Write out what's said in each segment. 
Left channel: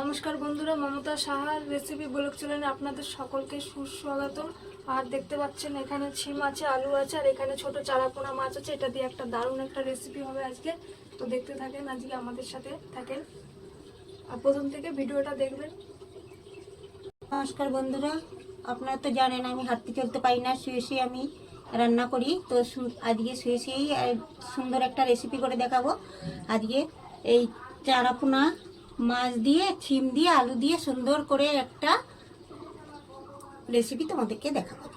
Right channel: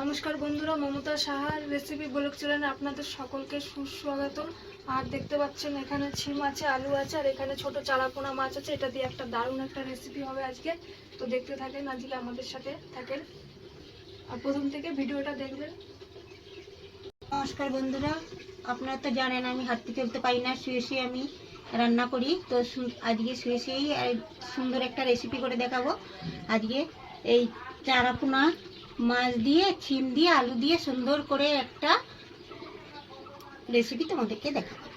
নমস্কার বন্ধুরা, মমতা সাহার রেসিপি ব্লগ চ্যানেলে আপনাদের সকলকে সুস্বাগতম। আর দেখতে পাচ্ছেন, এখানে ছিম আছে, আলু আছে, আর এখানে ছোট চারাপোনা মাছ আছে। এটা দিয়ে একটা দারুণ একটা রেসিপি হবে আজকে। তো দেখতে থাকেন, আজকে আমাদের সাথে থাকেন। আর প্রথম থেকে ভিডিওটা দেখবেন। নমস্কার বন্ধুরা, আপনারা তো জানেন, আমি হাঁটতে চলতে পারি না, শুয়ে শুয়ে আমি রান্না করি। তো আজকে শুয়ে শুয়েই সুন্দর একটা রেসিপি করে দেখাবো। আজকে এই চারাপোনা মাছ দিয়ে ছিম দিয়ে আলু দিয়ে সুন্দর করে একটা রেসিপি তোমাদেরকে দেখাবো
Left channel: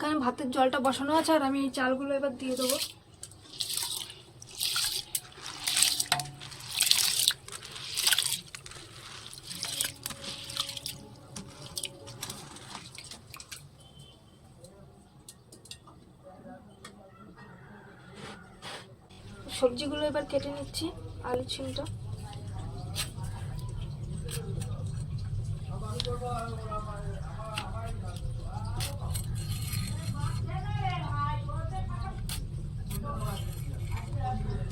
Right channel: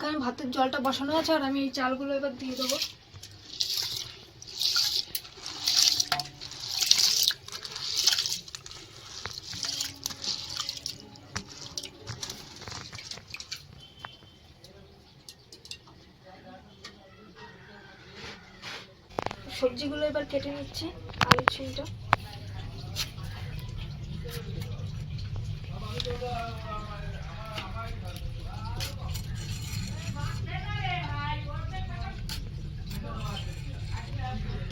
এখানে ভাতের জলটা বসানো আছে আর আমি এই চালগুলো এবার দিয়ে দেবো। সবজিগুলো এবার কেটে নিচ্ছি, আলু ছিমটা।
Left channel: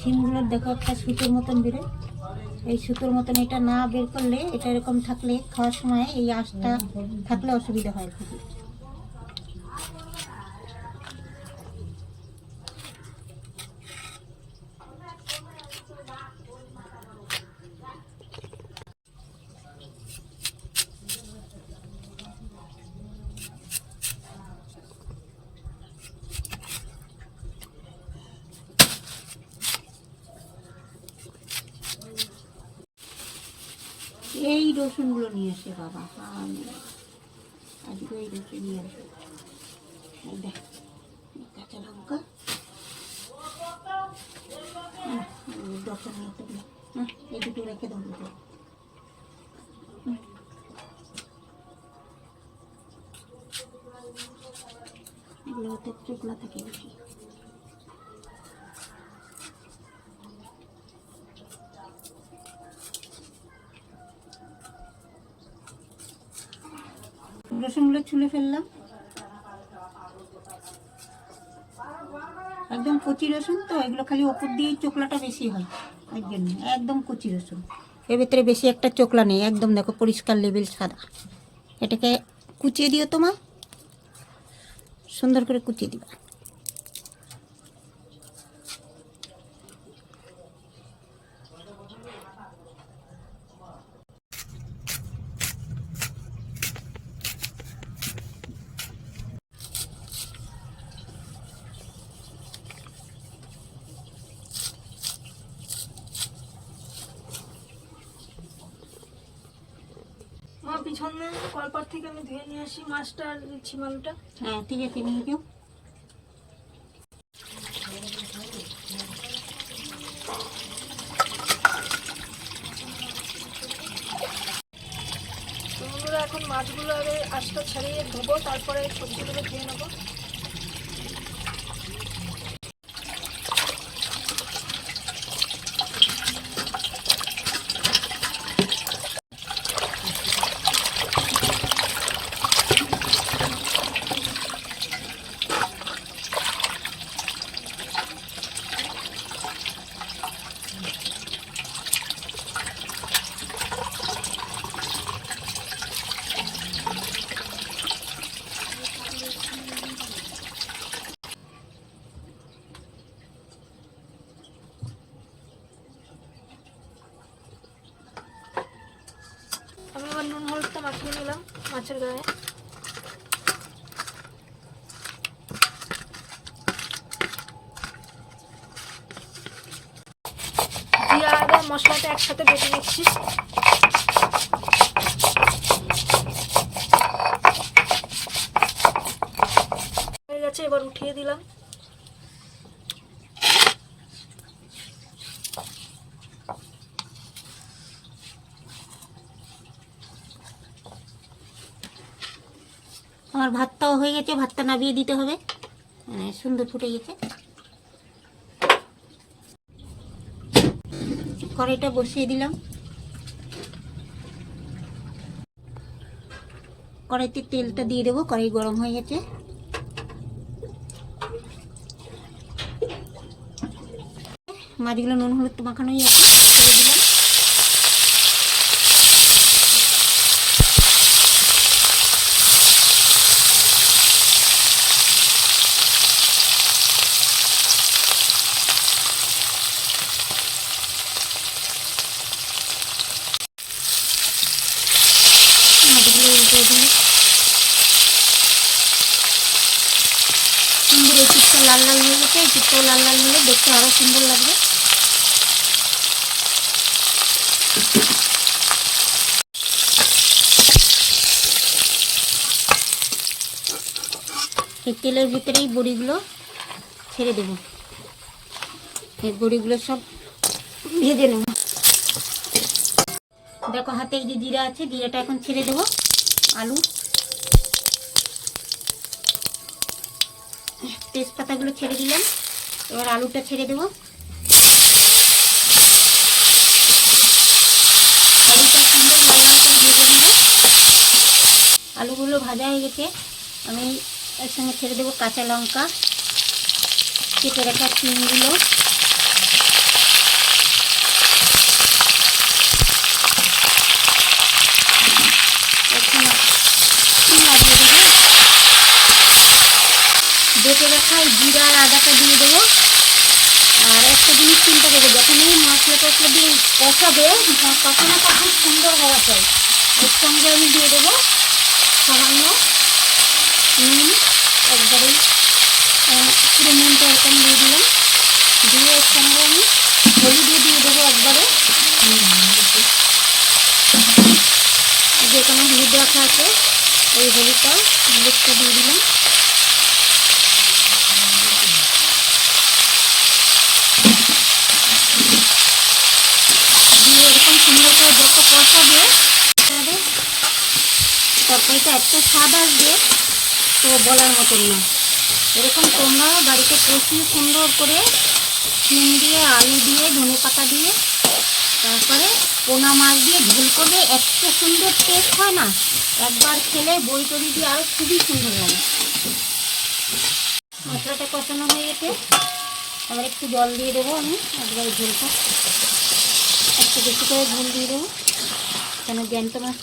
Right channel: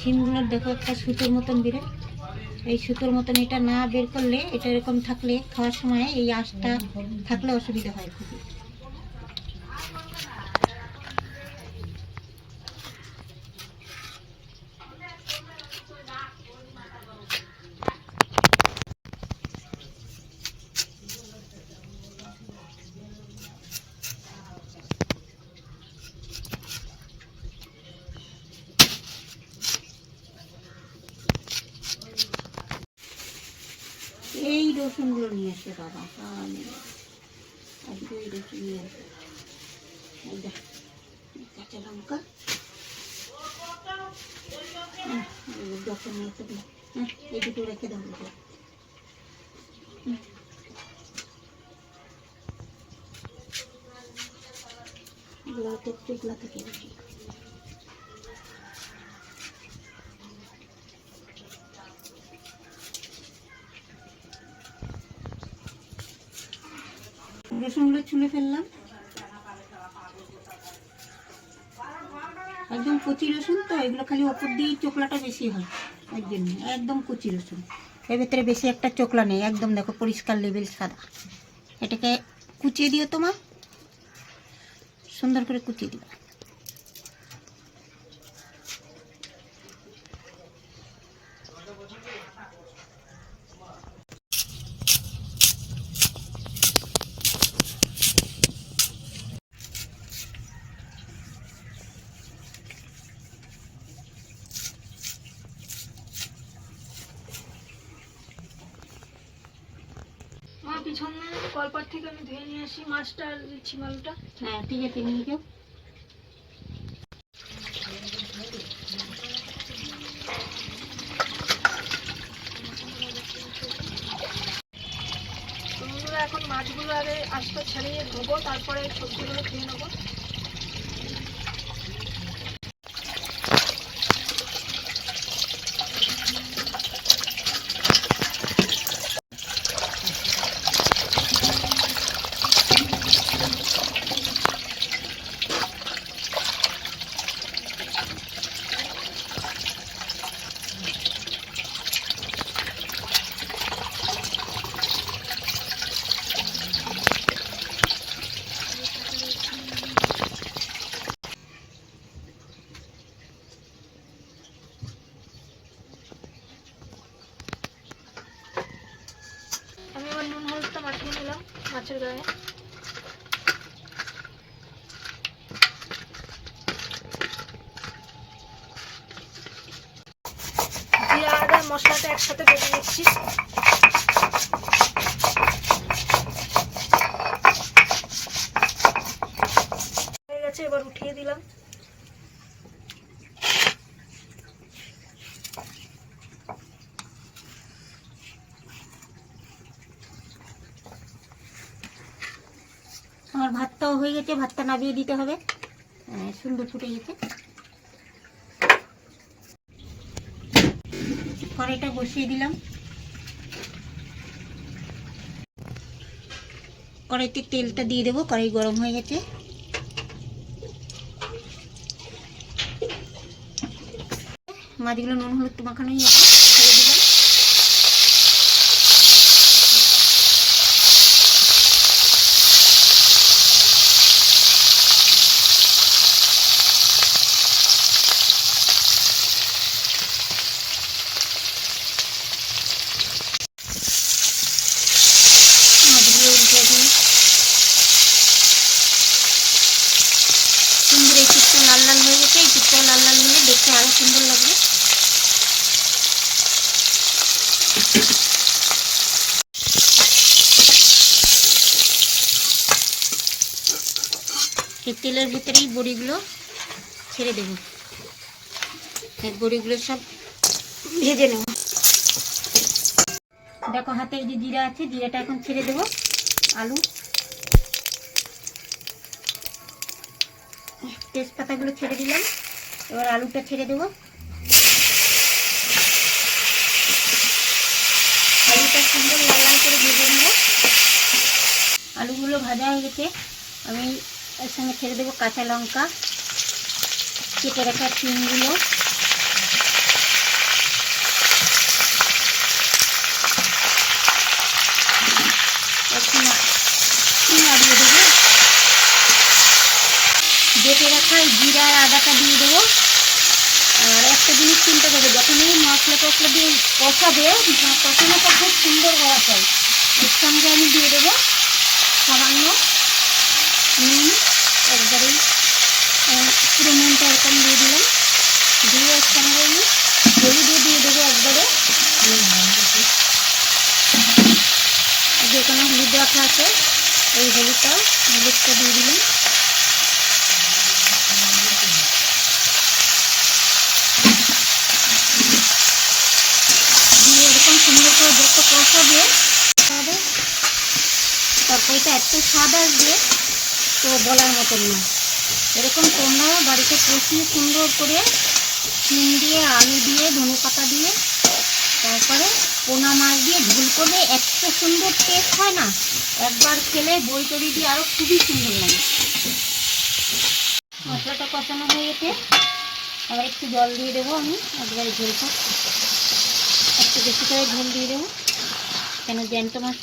ছিমগুলোর দেখো, একটা সুতোর মতন বেরোয় এই সুতোর মতন এটা না বের করলে, এটা এরকম থাকলে খাওয়ার সময় এই আঁশটা থাকলে অসুবিধা হয় খুবই। এই রসুনগুলো নিয়ে এসে বাবা। আজকে ওই রসুন নিয়ে আসে কাঁচা লঙ্কা। হুম, এই এই দুটো রেখে দাও থেকে রসুনগুলো ছুলে ফেললাম। একদম কচি রসুন তো, এগুলো খালি ওপর দিয়ে চোকলাটা বেশি হয় ওই জন্য। একদম কচি রসুন। এর ভেতরে বেশি একটা চোকলা নেই, একদম দেখো পরিষ্কার লেবেল সাদা। এটাকে কুচিয়ে দিও তোমার সুন্দর করে কুচিয়ে দিবা। পিছনে কলপার থেকে আমি ধুয়ে নিয়ে আসি মাছটা আর মালটা হ্যাঁ ঠিক আছে নিয়ে তো বন্ধুরা এখন মাছগুলো আগে আস্তে ছাড়িয়ে ধোবো তারপরে সবজিগুলো ধুয়ে নেব আমি এবার নুন হলুদটা মাখিয়ে নিলাম মাছের গায়ে জিরা মশলাটা একসাথে বেটে নিচ্ছি। হয়ে গেছে এবার উঠিয়ে দিলাম। আমার ভাতটাও হয়ে গেছে ভাতটা নামিয়ে দিতে হবে। হ্যাঁ, সুন্দর ফুটে গেছে। কড়াইটা বসিয়ে দিলাম। কড়াইতে তেলটা দিয়ে দেবো, কড়াই গরম হয়ে গেছে। মাছগুলো নুন হলুদ মাখানো হয়ে গেছে ছেড়ে দিলাম মাছগুলো উল্টে দিই সুন্দর এই চিপটা লাল লাল হয়ে গেছে এই চিপটাও লাল লাল হলে দেখতে আরও সুন্দর লাগবে এই তেলের ভিতরেই বড়িগুলো ছেড়ে দেবো। এই বড়িগুলো সব ভেজে নেব। দেখো হাতে যে জিরা আছে, জিরাটা এখন ছেড়ে দেবো। আলু। তেজপাতাগুলো ছেড়ে দিলাম। এবার আলুটা ছেড়ে দেবো আলুটা সুন্দর লাল লাল করে ভেজে নেব আলুগুলো ভাজা হয়ে গেছে, আমি এর সঙ্গে ছেড়ে দেবো কাঁচা লঙ্কা, কেটে রাখা চিনগুলো একটু একটু বেটে রাখা জিরা আর আদাটা দিয়ে দেবো। আর একটা জিনিস চিন্তা করব, যখন এই মশলা টসলা দিয়ে কষাবে কষানোটা খুব সুন্দর করা চাই। এর সঙ্গে আমি দিয়ে দেবো সামান্য নুন একবারেই আহ, পুরো নুনটা এরকম দিয়ে দিলাম। দিয়ে এর সঙ্গে আমি হলুদও দিয়ে দেবো একবারে। যে কোনো হলুদ রাখা আছে এই হলুদটা হলুদটা দিয়ে দিলাম। দিয়ে এরকম সুন্দর করে যত তাহলে তরকারিটা এত স্বাদ আসবে তো বলার মতন না। এরকম তোমরা বাড়িতে কষিয়ে সুন্দর করে শিম দিয়ে, আলু দিয়ে, ধনে পাতা দিয়ে, তারপরে পোনা মাছ দিয়ে ঝোল করলে এত সুন্দর টেস্ট হয় না? একবার খেলে বই তরি দিয়ে আরও খুবই সুন্দর লাগে। মশলাটা কষানো হয়ে গেছে। আবার একটু জল দিয়ে দেবো আমি, একবারে ঝোলটা। একটু বেশি করে ঝোল দিয়ে দেবো। কেন জ্যান্ত মাছ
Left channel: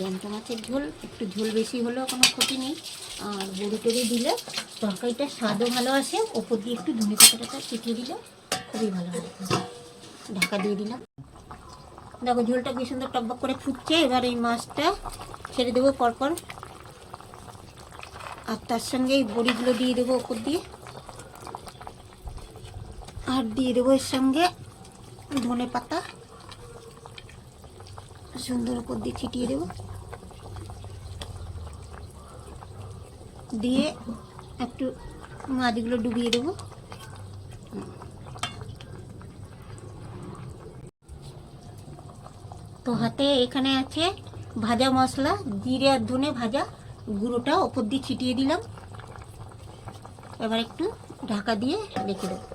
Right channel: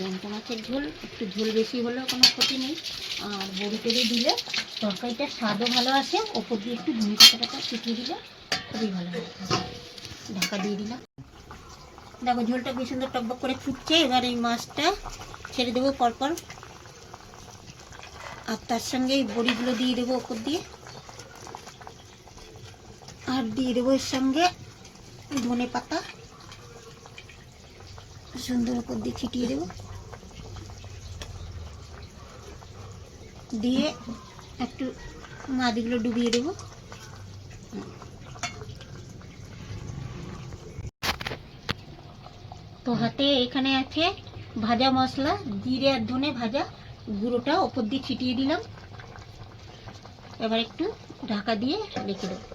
জ্যান্ত মাছের ঝোল, একটু ঝোল বেশি হলেও কোনো ক্ষতি নেই। আর বড়ি টড়ি দিলে তরকারিটার স্বাদও ভালো আসে, ওপর দিয়ে একটু ধনে পাতা টাতা ছিটিয়ে দিলে খুবই ভালো হয়। ঢাকা দিয়ে দিলাম। দেখো, ঝোলটা কি সুন্দর টকবক করে ফুটছে। এবার এই মাছটা ছেড়ে দেবো পরপর। আর তার সঙ্গে এই বড়িগুলো দিয়ে দেবো ওপর দিয়ে। আর দিয়ে দেবো এর সঙ্গে ধনে পাতা। সুন্দর উপর দিয়ে ছিটিয়ে দেবো। দিয়ে একটু মাছগুলো ডুবিয়ে দেবো। তো হাতে এখানে আছে ভাজা মশলা, জিরে আর ধনে ভাজা গুঁড়োটা, ওপর দিয়ে ছিটিয়ে দিলাম। এবার একটু ঢাকা দিয়ে রেখে দেবো।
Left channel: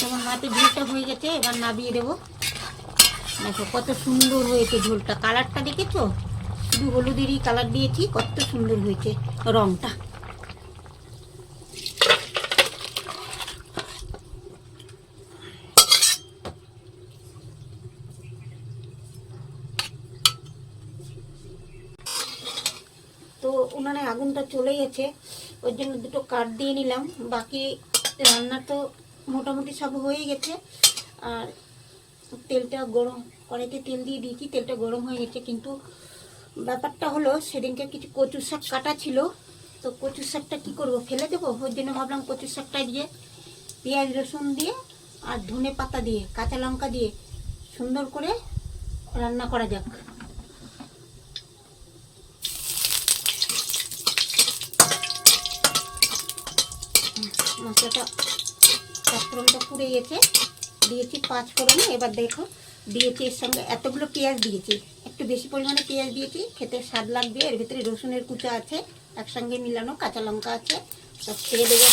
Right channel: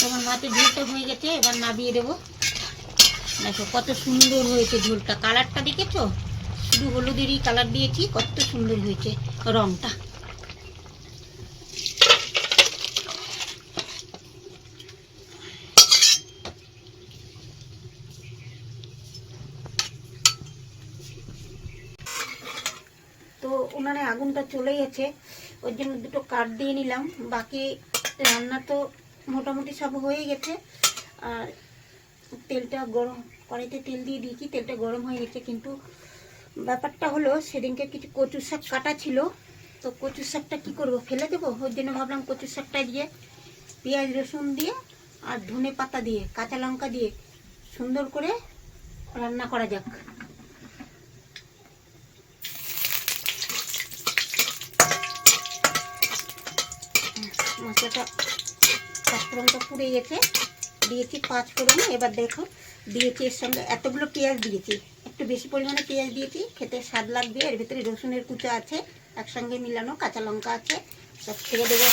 তোমার মাছের ঝোলটা হয়ে গেছে, এবার নাবিয়ে দেবো। দেখো, কত সুন্দর হয়েছে ঝোলটা। কালারটা দেখেছ? শুধু হলুদেরই কালার দিয়েছি, কত সুন্দর হয়েছে রংটা। তো আগুনটা চলে গেছে ওই জন্য দুটো কাঠ দিয়ে নিলাম। বাকি রান্না তো মোটামুটি সব হয়ে গেছে। আর তেলটা গরম, কড়াইতে তেল দিয়ে দিয়েছি, তেলটা গরম হয়ে গেছে। কিন্তু ব্যাপারটা হলো, সেদিনকে কিছু কচু শাক কাটা ছিল। তো কচু শাকটা কী করব, ফেলে দেবো? ওই জন্য ভাবলাম কচু শাকটা দিয়ে পেঁয়াজ, রসুন দিয়ে আর ধনে পাতা দিয়ে, কাঁচা লঙ্কা দিয়ে সুন্দর করে রান্না করা যাক। মশলাটা পুড়ে গেছে। দিয়েছি পাঁচ ফোড়ন। এবার দেখো, দিয়েছি এর সঙ্গে এতগুলো পেঁয়াজ দিয়েছি। একটু বেশি পরিমাণে পেঁয়াজ দিয়েছি, খেতে স্বাদ লাগবে। এর ভিতরে রসুনের কুচা আছে, একসঙ্গে মিলানো কাঁচা লঙ্কা আছে। সব ছেড়ে দেবো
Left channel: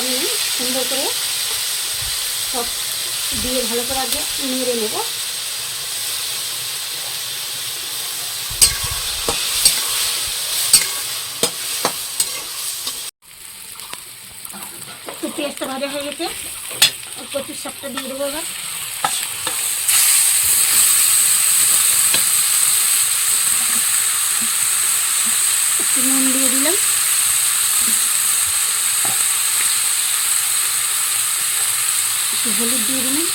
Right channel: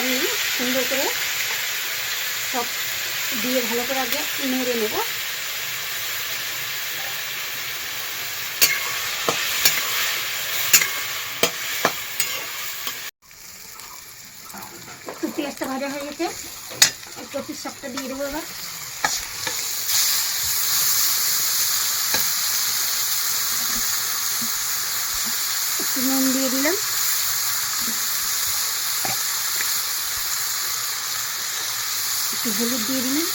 আমি সুন্দর করে সব দিয়ে ভালো করে আগে নেড়ে নেব একটু পেঁয়াজটা ভাজা হয়ে গেছে। কচুর শাকটা দিয়ে দেবো এবার। একটু নুন দিয়ে দিলাম। একটু হলুদ দিয়ে দিলাম।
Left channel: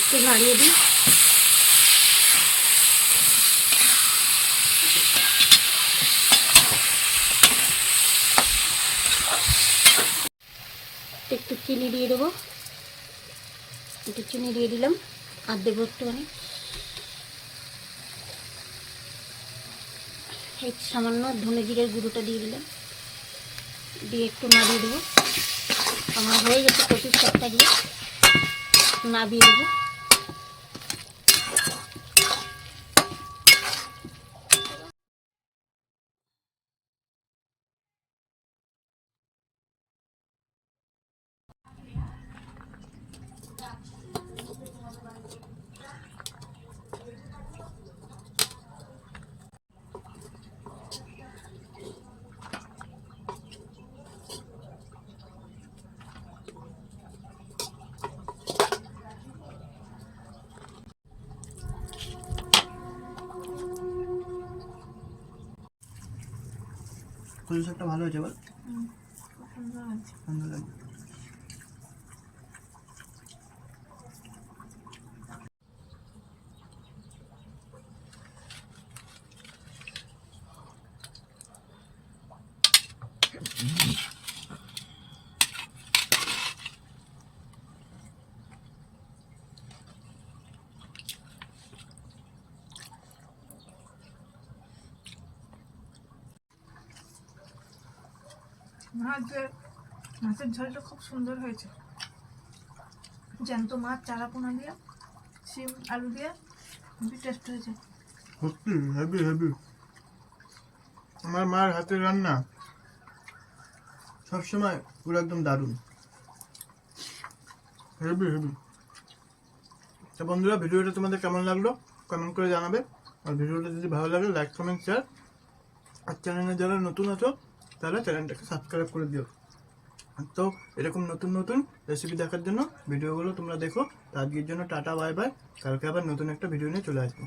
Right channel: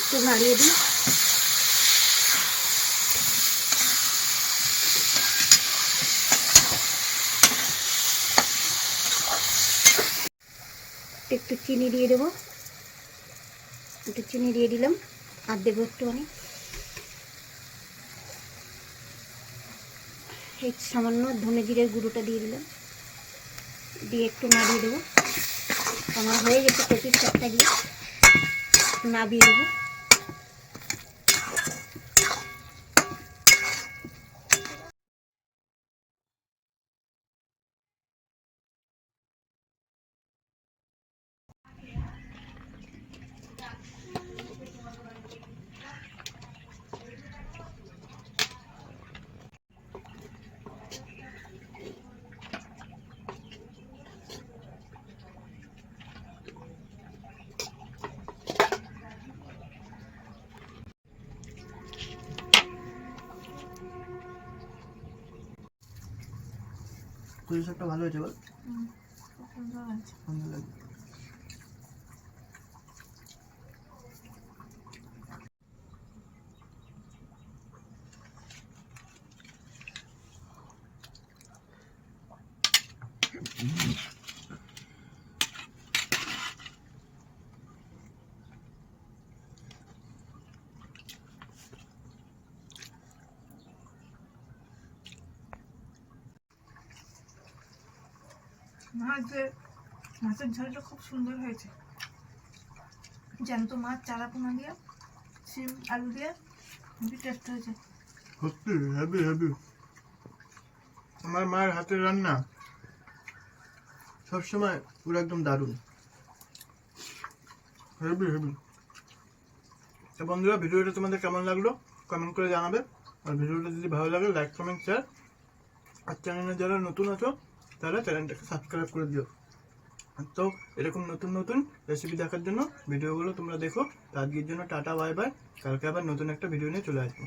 একটু নাড়িয়ে দিই। একটু চিনি দিয়ে দেবো। একটু চিনি দিয়ে দিলাম, আর দেবো একটুখানি। এই সামান্য ধনে জিরের গুঁড়োটা দিয়ে দিলাম। দিয়ে একটু নাড়িয়ে দেবো। আমার হয়ে গেছে পঁচিশ চারটা দিয়ে। নাবিয়ে দেবো। কচু শাকটা ভালো হয়েছে বল? সুন্দর লাগবে মাছের মাছের ঝোলটা খুব সুন্দর হয়েছে। জ্যান্ত মাছ চারা পোনা দিয়ে, শিম, আলু দিয়ে, খুবই টেস্ট হয়েছে। সত্যি হেভি হেভি আমার মার হাতের রান্না সবসময় পুরো একদম দারুণ। হেভি হেভি তো বন্ধুরা, ভিডিওটা তোমাদের কেমন লাগল? কমেন্ট করে জানাবে। আর ভিডিওটা যদি ভালো লাগে লাইক কমেন্ট শেয়ার আর চ্যানেলে যারা নতুন আছো তারা চ্যানেলটাকে সাবস্ক্রাইব করে দিও। তো এরকম নতুন নতুন রেসিপি দেখার জন্য ভিডিওগুলো তোমরা দেখো। তো আজকের জন্য টাটা বাই বাই কালকে আবার নতুন একটা ভিডিও নিয়ে চলে আসব।